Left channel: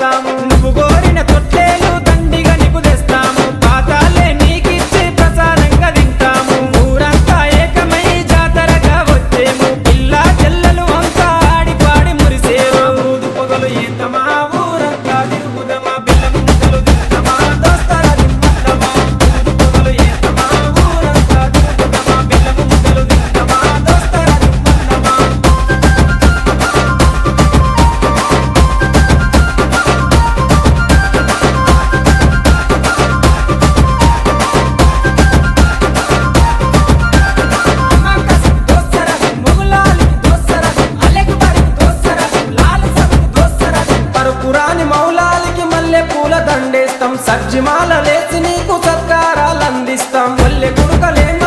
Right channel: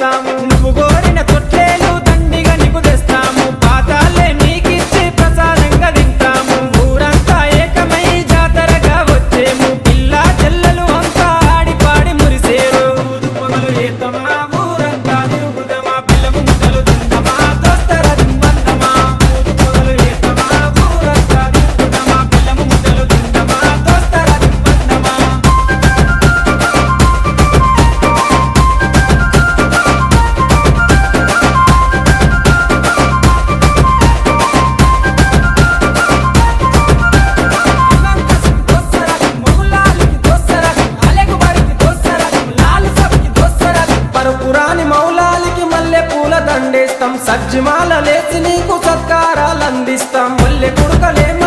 నువ్వు కోరిన తొట్టేలు దండిగా నీకు తెస్తాము, పాతాలే నీకిచ్చి ప్రసాదంగా తింటాము. ఊరంతా ఏకమై జాతరగా వచ్చేము, పిల్ల చెల్లెలు అంతా ఆడి పాడి మురిసేరు. పురాని మౌలాలికి మల్లె పూల దండేస్తాం, సజ్జిమాల లేచి నీకు సత్కారాలు అందిస్తాం. మల్లె కొడుకలేమ